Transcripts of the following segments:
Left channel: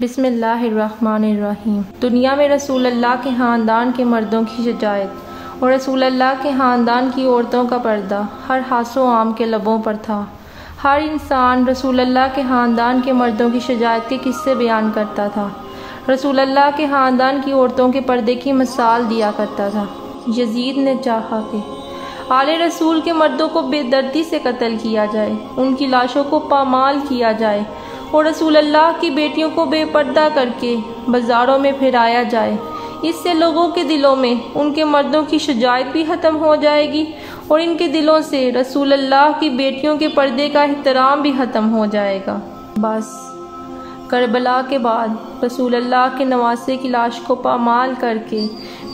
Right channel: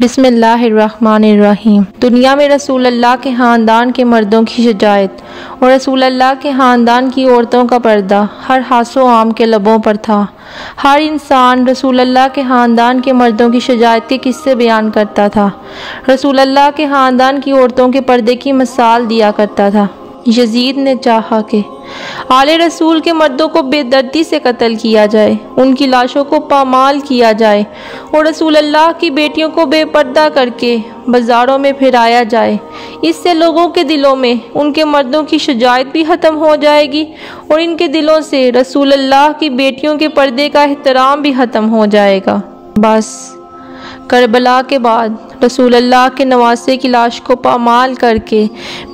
बिस्मिल्लाहिर्रहमानिर्रहीम। दुनिया में रसूल अल्लाह के ख़ानदान के मर्दों की शजायत और रसूल अल्लाह के ख़ानदान की औरतों का पर्दा हर हासो आम के लबों पर था। हर इंसान रसूल अल्लाह के ख़ानदान के मर्दों की शजायत के किस्से बयान करता था। रसूल अल्लाह के ख़ानदान की औरतों के पर्दे की मिसाल दिया करता था। यजीद ने चाहा कि आले रसूल के मर्दों को बेदर्दी से कत्ल किया जाए, उनकी लाशों को पामाल किया जाए और रसूल अल्लाह की बेटियों को बेपर्दा करके बाज़ारों में फिराया जाए। इससे लोगों के दिलों में उनके मर्दों की शजायत भी ख़त्म हो जाएगी और इनके दिलों से रसूल अल्लाह की बेटियों के पर्दे का एहतराम भी ख़त्म हो जाएगा। बस करबला के बाद रसूल अल्लाह के नवासे की लाश को पामाल करके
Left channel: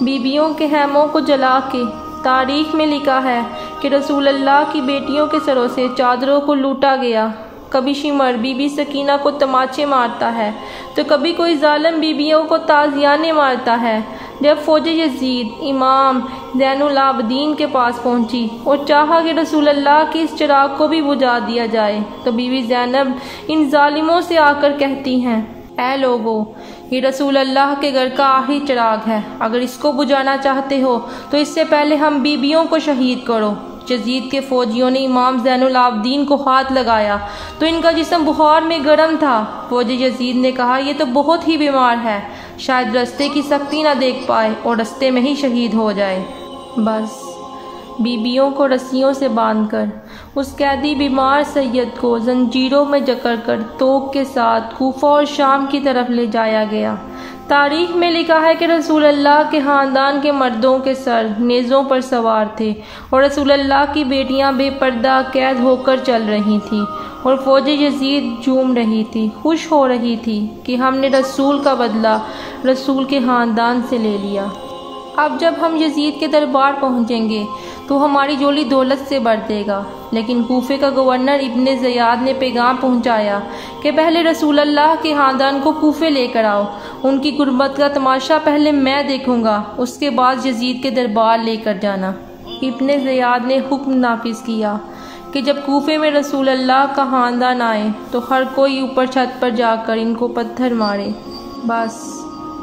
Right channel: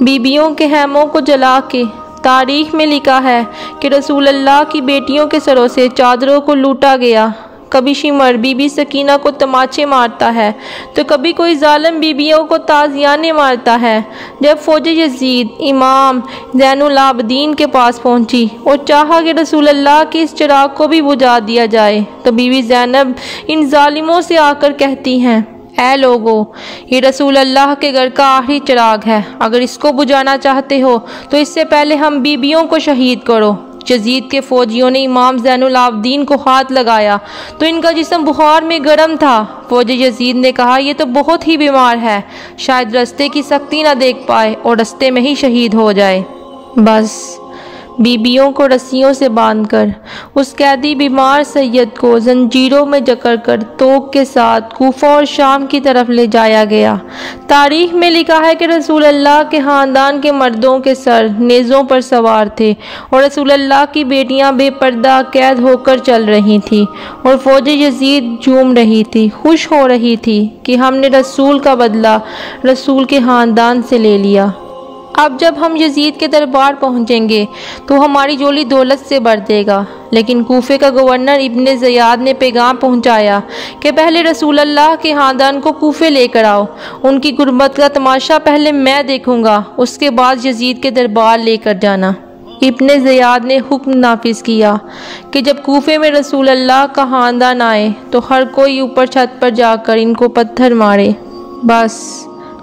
बीबियों के हैमों को जला के तारीख में लिखा है कि रसूल अल्लाह की बेटियों के सरों से चादरों को लूटा गया। कभी शिमर बीबी सकीना को तमाचे मारता है तो कभी कोई जालिम बीबियों को ताज़ियाने मारता है। जब फौज यजीद इमाम ज़ैनुल आबदीन के पास पहुंची और चाहा कि रसूल अल्लाह के इस चिराग को भी बुझा दिया जाए तो बीबी ज़ैनब इन जालिमों से आकर कहती हैं, ऐ लोगो, ये रसूल अल्लाह के घर का आखिरी चिराग है, अगर इसको बुझाना चाहते हो तो इससे पहले हम बीबियों को शहीद करो। यजीद के फौजियों ने इमाम ज़ैनुल आबदीन को हाथ लगाया तो इनका जिस्म बुखार में गर्म था। फौज यजीद ने कहा, ये तो बहुत ही बीमार है, शायद रास्ते की सख्ती ना देख पाए और रास्ते में ही शहीद हो जाए। बस बीबियों को रस्सियों से बांधकर उस कैदी बीमार सैयद को जंजीरों में जकड़कर तोप के साथ कूफा और शाम की तरफ ले जाया गया। तारीख में लिखा है कि रसूल अल्लाह के ख़ानदान के मर्दों के सर नेज़ों पर सवार थे और रसूल अल्लाह की बेटियां बेपर्दा कैद होकर चल रही थीं और फौज यजीद झूम रही थी, खुश हो रही थी कि हमने रसूल का बदला रसूल के ख़ानदान से ले लिया। अब जब हम यजीद के दरबार पहुंचेंगे तो हमारी झोली दौलत से भर देगा। लेकिन कूफे का गवर्नर इब्ने ज़ियाद ने पैगाम पहुंचाया कि पहले रसूल अल्लाह के ख़ानदान को कूफे लेकर आओ, उनकी गुर्बत का तमाशा पहले मैं देखूंगा, उसके बाद यजीद के दरबार लेकर जाना। इब्ने ज़ियाद ने हुक्म नाफिज किया कि जब कूफे में रसूल अल्लाह का ख़ानदान आए तो हर कोई ऊपर छत पर जाकर इनको पत्थर मारे। बस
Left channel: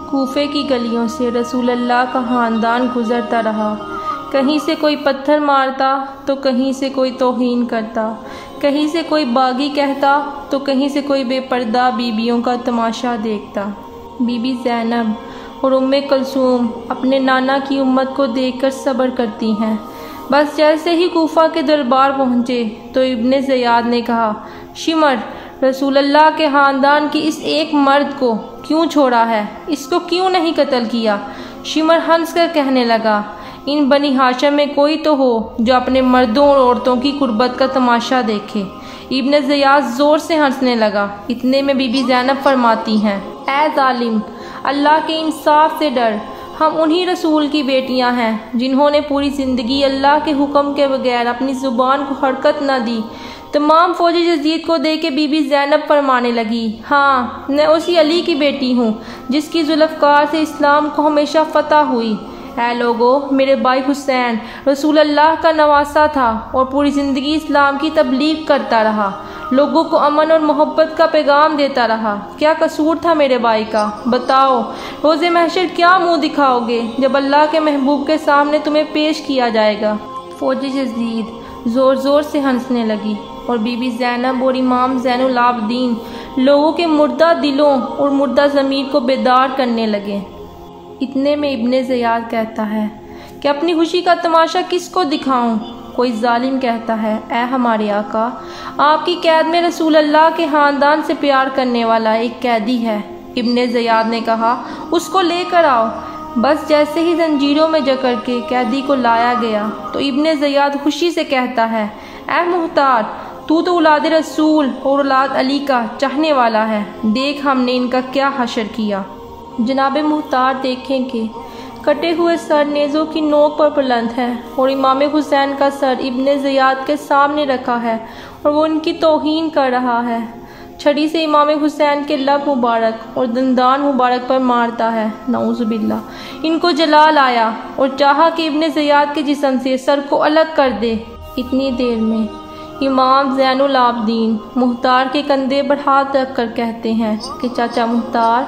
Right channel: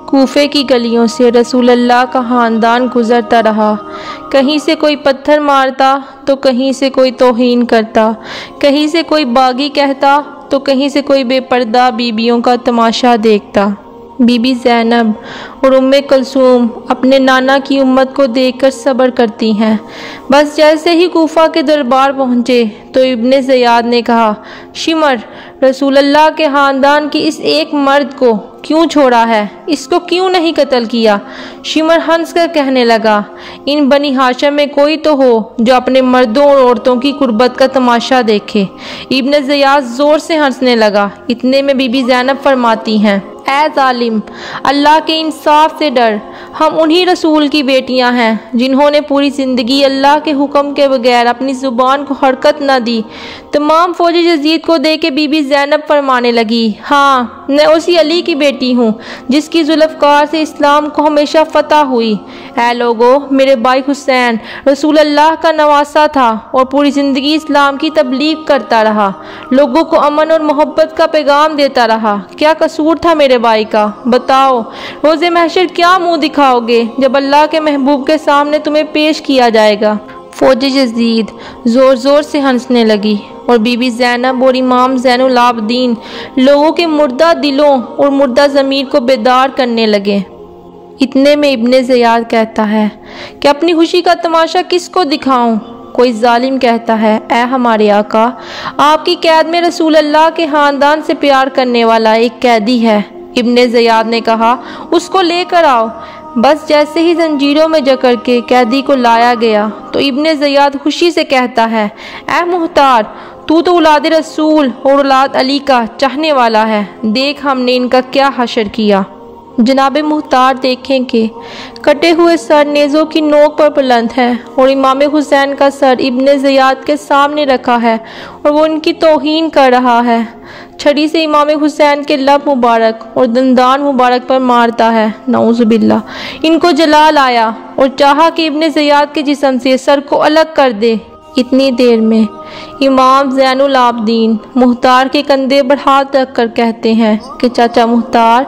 कूफे की गलियों से रसूल अल्लाह का ख़ानदान गुज़रता रहा। कहीं से कोई पत्थर मारता तो कहीं से कोई तौहीन करता, कहीं से कोई बागी कहता तो कहीं से कोई बेपर्दा बीबियों का तमाशा देखता। बीबी ज़ैनब और उम्मे कुलसूम अपने नाना की उम्मत को देखकर सब्र करती हैं। बस जैसे ही कूफा के दरबार पहुँचे तो इब्ने ज़ियाद ने कहा, शिमर, रसूल अल्लाह के ख़ानदान की इस एक मर्द को क्यों छोड़ा है, इसको क्यों नहीं कत्ल किया? शिमर हंस कर कहने लगा, इन बनी हाशिम में कोई तो हो जो अपने मर्दों और औरतों की कुर्बत का तमाशा देखे। इब्ने ज़ियाद ज़ोर से हंसने लगा। इतने में बीबी ज़ैनब फरमाती हैं, ऐ जालिम, अल्लाह के इंसाफ से डर, हम उन्हीं रसूल की बेटियां हैं जिन्होंने पूरी ज़िंदगी अल्लाह के हुक्म के बगैर अपनी ज़ुबान को हरकत न दी। तमाम फौज यजीद को देख के बीबी ज़ैनब फरमाने लगी, हाँ, मैं उसी अली की बेटी हूँ जिसकी जुल्फ़कार से इस्लाम को हमेशा फ़तह हुई। ऐ लोगो, मेरे भाई हुसैन रसूल अल्लाह का नवासा था और पूरी ज़िंदगी इस्लाम की तबलीग करता रहा, लोगों को अमन और मोहब्बत का पैगाम देता रहा। क्या कसूर था मेरे भाई का? बताओ, रोज़े महशर क्या मुँह दिखाओगे जब अल्लाह के महबूब के सामने तुम्हें पेश किया जाएगा? फौज यजीद ज़ोर ज़ोर से हंसने लगी और बीबी ज़ैनब और इमाम ज़ैनुल आबदीन लोगों के मुर्दा दिलों और मुर्दा ज़मीर को बेदार करने लगे। इतने में इब्ने ज़ियाद कहता है कि अपनी खुशी का तमाशा किसको दिखाऊं? कोई जालिम कहता है, ऐ हमारे आका, आपकी कैद में रसूल अल्लाह के ख़ानदान से प्यार करने वाला एक कैदी है। इब्ने ज़ियाद ने कहा, उसको लेकर आओ। बस जैसे ही जंजीरों में जकड़ के कैदी को लाया गया तो इब्ने ज़ियाद खुशी से कहता है, ऐ मुख्तार, तू तो औलाद रसूल और औलाद अली का चाहने वाला है, देख हमने इनका क्या हशर किया। जनाबे मुख्तार देखें कि कटे हुए सर नेज़ों की नोक पर बुलंद है और इमाम हुसैन का सर इब्ने ज़ियाद के सामने रखा है और वो इनकी तौहीन कर रहा है। छड़ी से इमाम हुसैन के लब मुबारक और दंदान मुबारक पर मारता है। नऊज़ुबिल्लाह। इनको जलाल आया और चाहा कि इब्ने ज़ियाद के जिस्म से सर को अलग कर दे। इतनी देर में इमाम ज़ैनुल आबदीन मुख्तार के कंधे पर हाथ रख कर कहते हैं कि चाचा मुख्तार,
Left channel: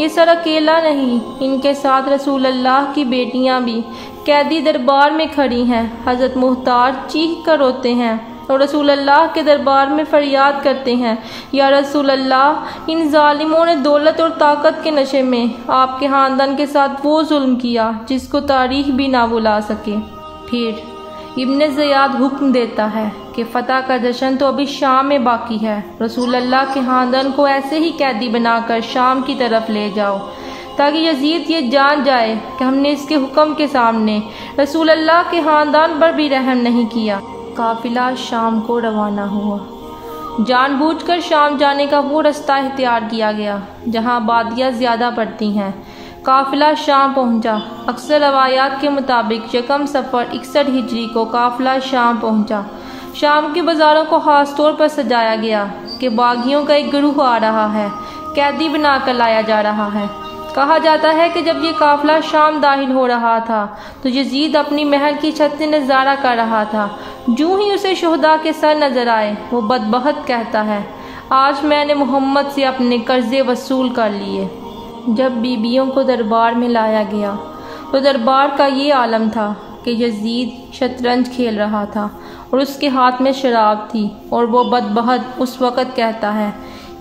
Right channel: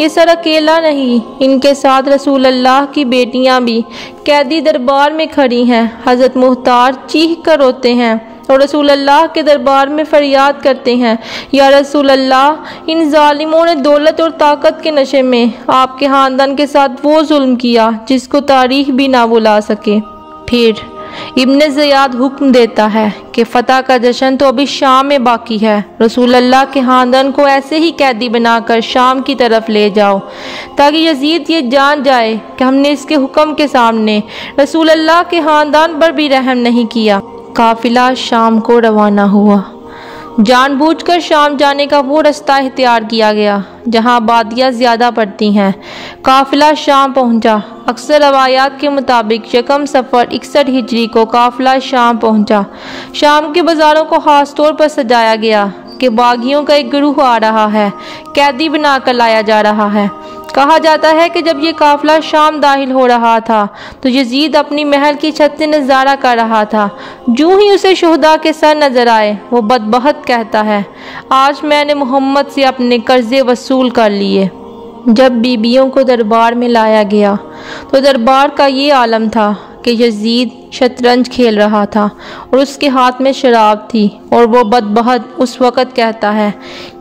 ये सर अकेला नहीं, इनके साथ रसूल अल्लाह की बेटियां भी कैदी दरबार में खड़ी हैं। हज़रत मुख्तार चीख कर रोते हैं और रसूल अल्लाह के दरबार में फरियाद करते हैं, या रसूल अल्लाह, इन जालिमों ने दौलत और ताकत के नशे में आपके ख़ानदान के साथ वो जुल्म किया जिसको तारीख भी ना भुला सके। फिर इब्न ज़ियाद हुक्म देता है कि फ़तह का जश्न तो अभी शाम में बाकी है। रसूल अल्लाह के ख़ानदान को ऐसे ही कैदी बनाकर शाम की तरफ ले जाओ, ताकि यजीद ये जान जाए कि हमने इसके हुक्म के सामने रसूल अल्लाह के ख़ानदान पर भी रहम नहीं किया। काफिला शाम को रवाना हुआ। जानबूझकर शाम जाने का वो रास्ता इख्तियार किया गया जहाँ आबादियाँ ज़्यादा पड़ती हैं। काफिला शाम पहुँचा। अक्सर रवायात के मुताबिक यकम सफ़र 61 हिजरी को काफिला शाम पहुँचा। शाम के बाज़ारों को ख़ास तौर पर सजाया गया कि बागियों का एक गिरोह आ रहा है, कैदी बनाकर लाया जा रहा है। कहा जाता है कि जब ये काफिला शाम दाखिल हो रहा था तो यजीद अपनी महल की छत से नज़ारा कर रहा था। जूँ ही उसे शुहदा के सर नज़र आए, वो बदबख्त कहता है, आज मैंने मोहम्मद से अपने कर्जे वसूल कर लिए। जब बीबियों को दरबार में लाया गया तो दरबार का ये आलम था कि यजीद शतरंज खेल रहा था और उसके हाथ में शराब थी, और वो बदबख्त उस वक़्त कहता है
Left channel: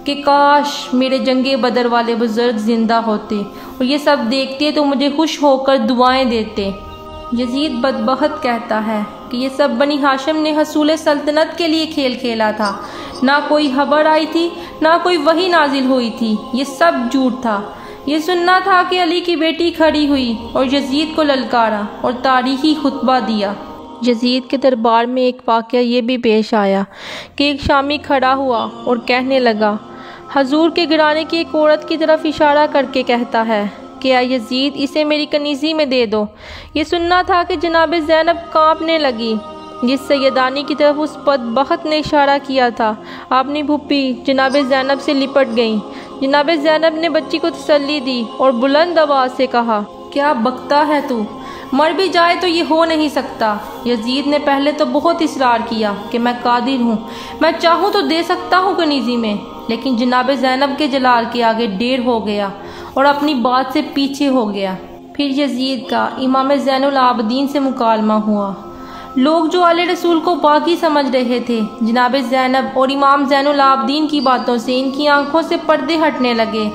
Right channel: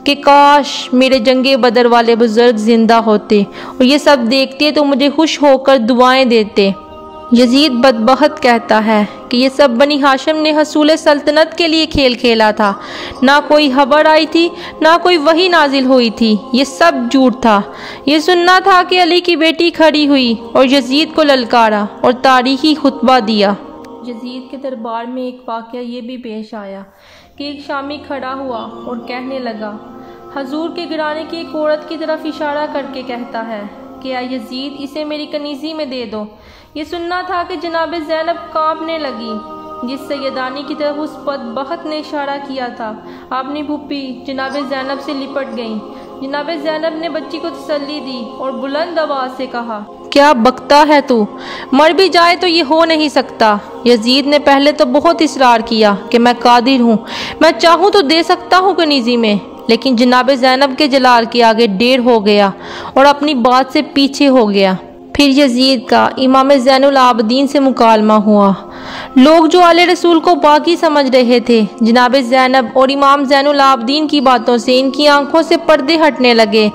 कि काश मेरे जंगे बदर वाले बुजुर्ग जिंदा होते और ये सब देखते तो मुझे खुश होकर दुआएं देते। यजीद बदबख्त कहता है कि ये सब बनी हाशिम ने हसूल सल्तनत के लिए खेल खेला था। ना कोई खबर आई थी, ना कोई वही नाजिल हुई थी, ये सब झूठ था। ये सुनना था कि अली की बेटी खड़ी हुई और यजीद को ललकारा और तारीखी खुतबा दिया। यजीद के दरबार में एक वाक़या ये भी पेश आया कि एक शामी खड़ा हुआ और कहने लगा, हजूर के घराने की एक औरत की तरफ इशारा करके कहता है कि या यजीद, इसे मेरी कनीज़ी में दे दो। ये सुनना था कि जनाब ज़ैनब कांपने लगी। जिस सैयदानी की तरफ उस बदबख्त ने इशारा किया था, अपनी भुप्पी जनाब ज़ैनब से लिपट गईं। जनाब ज़ैनब ने बच्ची को तसल्ली दी और बुलंद आवाज़ से कहा, क्या बकता है तू, मर भी जाए तो ये हो नहीं सकता। यजीद ने पहले तो बहुत इसरार किया कि मैं कादिर हूँ, मैं चाहूँ तो दे सकता हूँ कनीज़ी में, लेकिन जनाब ज़ैनब के जलाल के आगे देर हो गया और अपनी बात से पीछे हो गया। फिर यजीद का इमाम ज़ैनुल आबदीन से मुकालमा हुआ। लोग जो आले रसूल को बाकी समझ रहे थे, जनाब ज़ैनब और इमाम ज़ैनुल आबदीन की बातों से इनकी आंखों से पर्दे हटने लगे।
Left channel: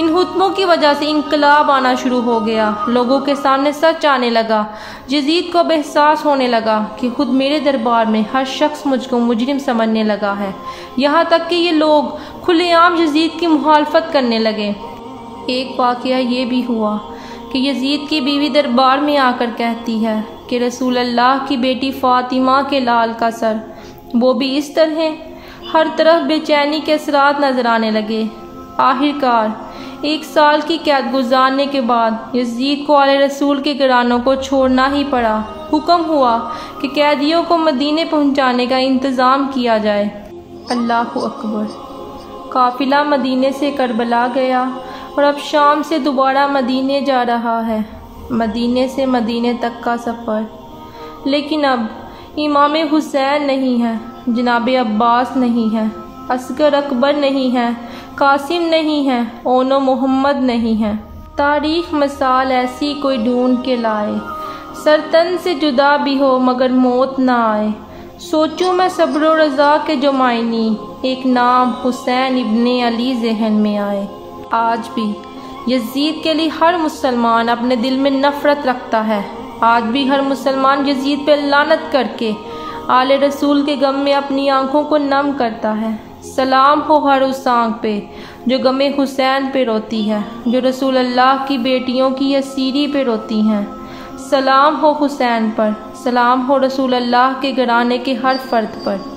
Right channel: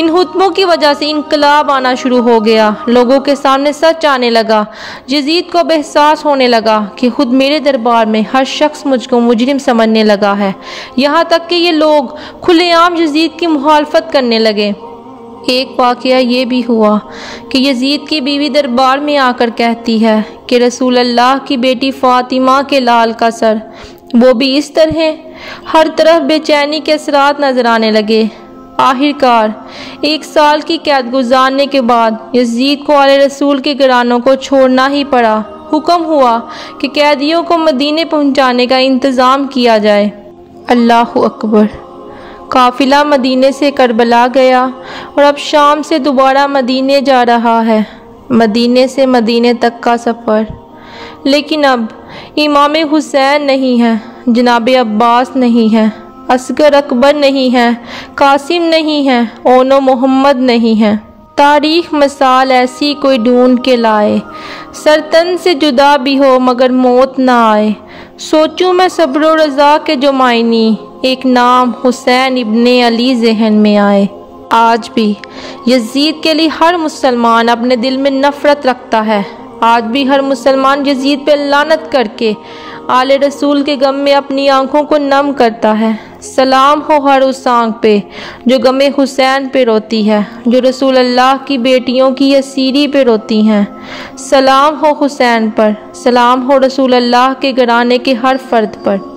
इन हुत्मों की वजह से इनकलाब आना शुरू हो गया। लोगों के सामने सच आने लगा। यजीद को एहसास होने लगा कि खुद मेरे दरबार में हर शख्स मुझको मुजरिम समझने लगा है। यहाँ तक कि ये लोग खुलेआम यजीद की मुखालफत करने लगे। एक वाक़या ये भी हुआ कि यजीद की बीवी दरबार में आकर कहती है कि रसूल अल्लाह की बेटी फ़ातिमा के लाल का सर, वो भी इस तरह। हर तरफ बेचैनी के असरात नजर आने लगे। आखिरकार 1 साल की कैद गुजारने के बाद यजीद को आले रसूल के घरानों को छोड़ना ही पड़ा। हुक्म हुआ कि कैदियों को मदीने पहुंचाने का इंतज़ाम किया जाए। अल्लाहु अकबर। काफिला मदीने से करबला गया और अब शाम से दोबारा मदीने जा रहा है। मदीने से मदीने तक का सफ़र। लेकिन अब इमाम हुसैन नहीं है, जनाब अब्बास नहीं है, असगर अकबर नहीं है, कासिम नहीं है, ओनो मोहम्मद नहीं है। तारीख मिसाल ऐसी कोई ढूंढ के लाए, सरतन से जुदा भी हो मगर मौत ना आए। सोचूं मैं सब्र रज़ा के जो मायनी, एक नाम हुसैन इब्ने अली जहन में आए। आज भी यजीद के लिए हर मुसलमान अपने दिल में नफ़रत रखता है। आज भी हर मुसलमान यजीद पे लानत करके आले रसूल के गम में अपनी आंखों को नम करता है। सलाम हो हर उस आंख पे जो गमे हुसैन पे रोती है, जो रसूल अल्लाह की बेटियों की असीरी पे रोती हैं। सलाम हो हुसैन पर, सलाम हो रसूल अल्लाह के घराने के हर फर्द पर।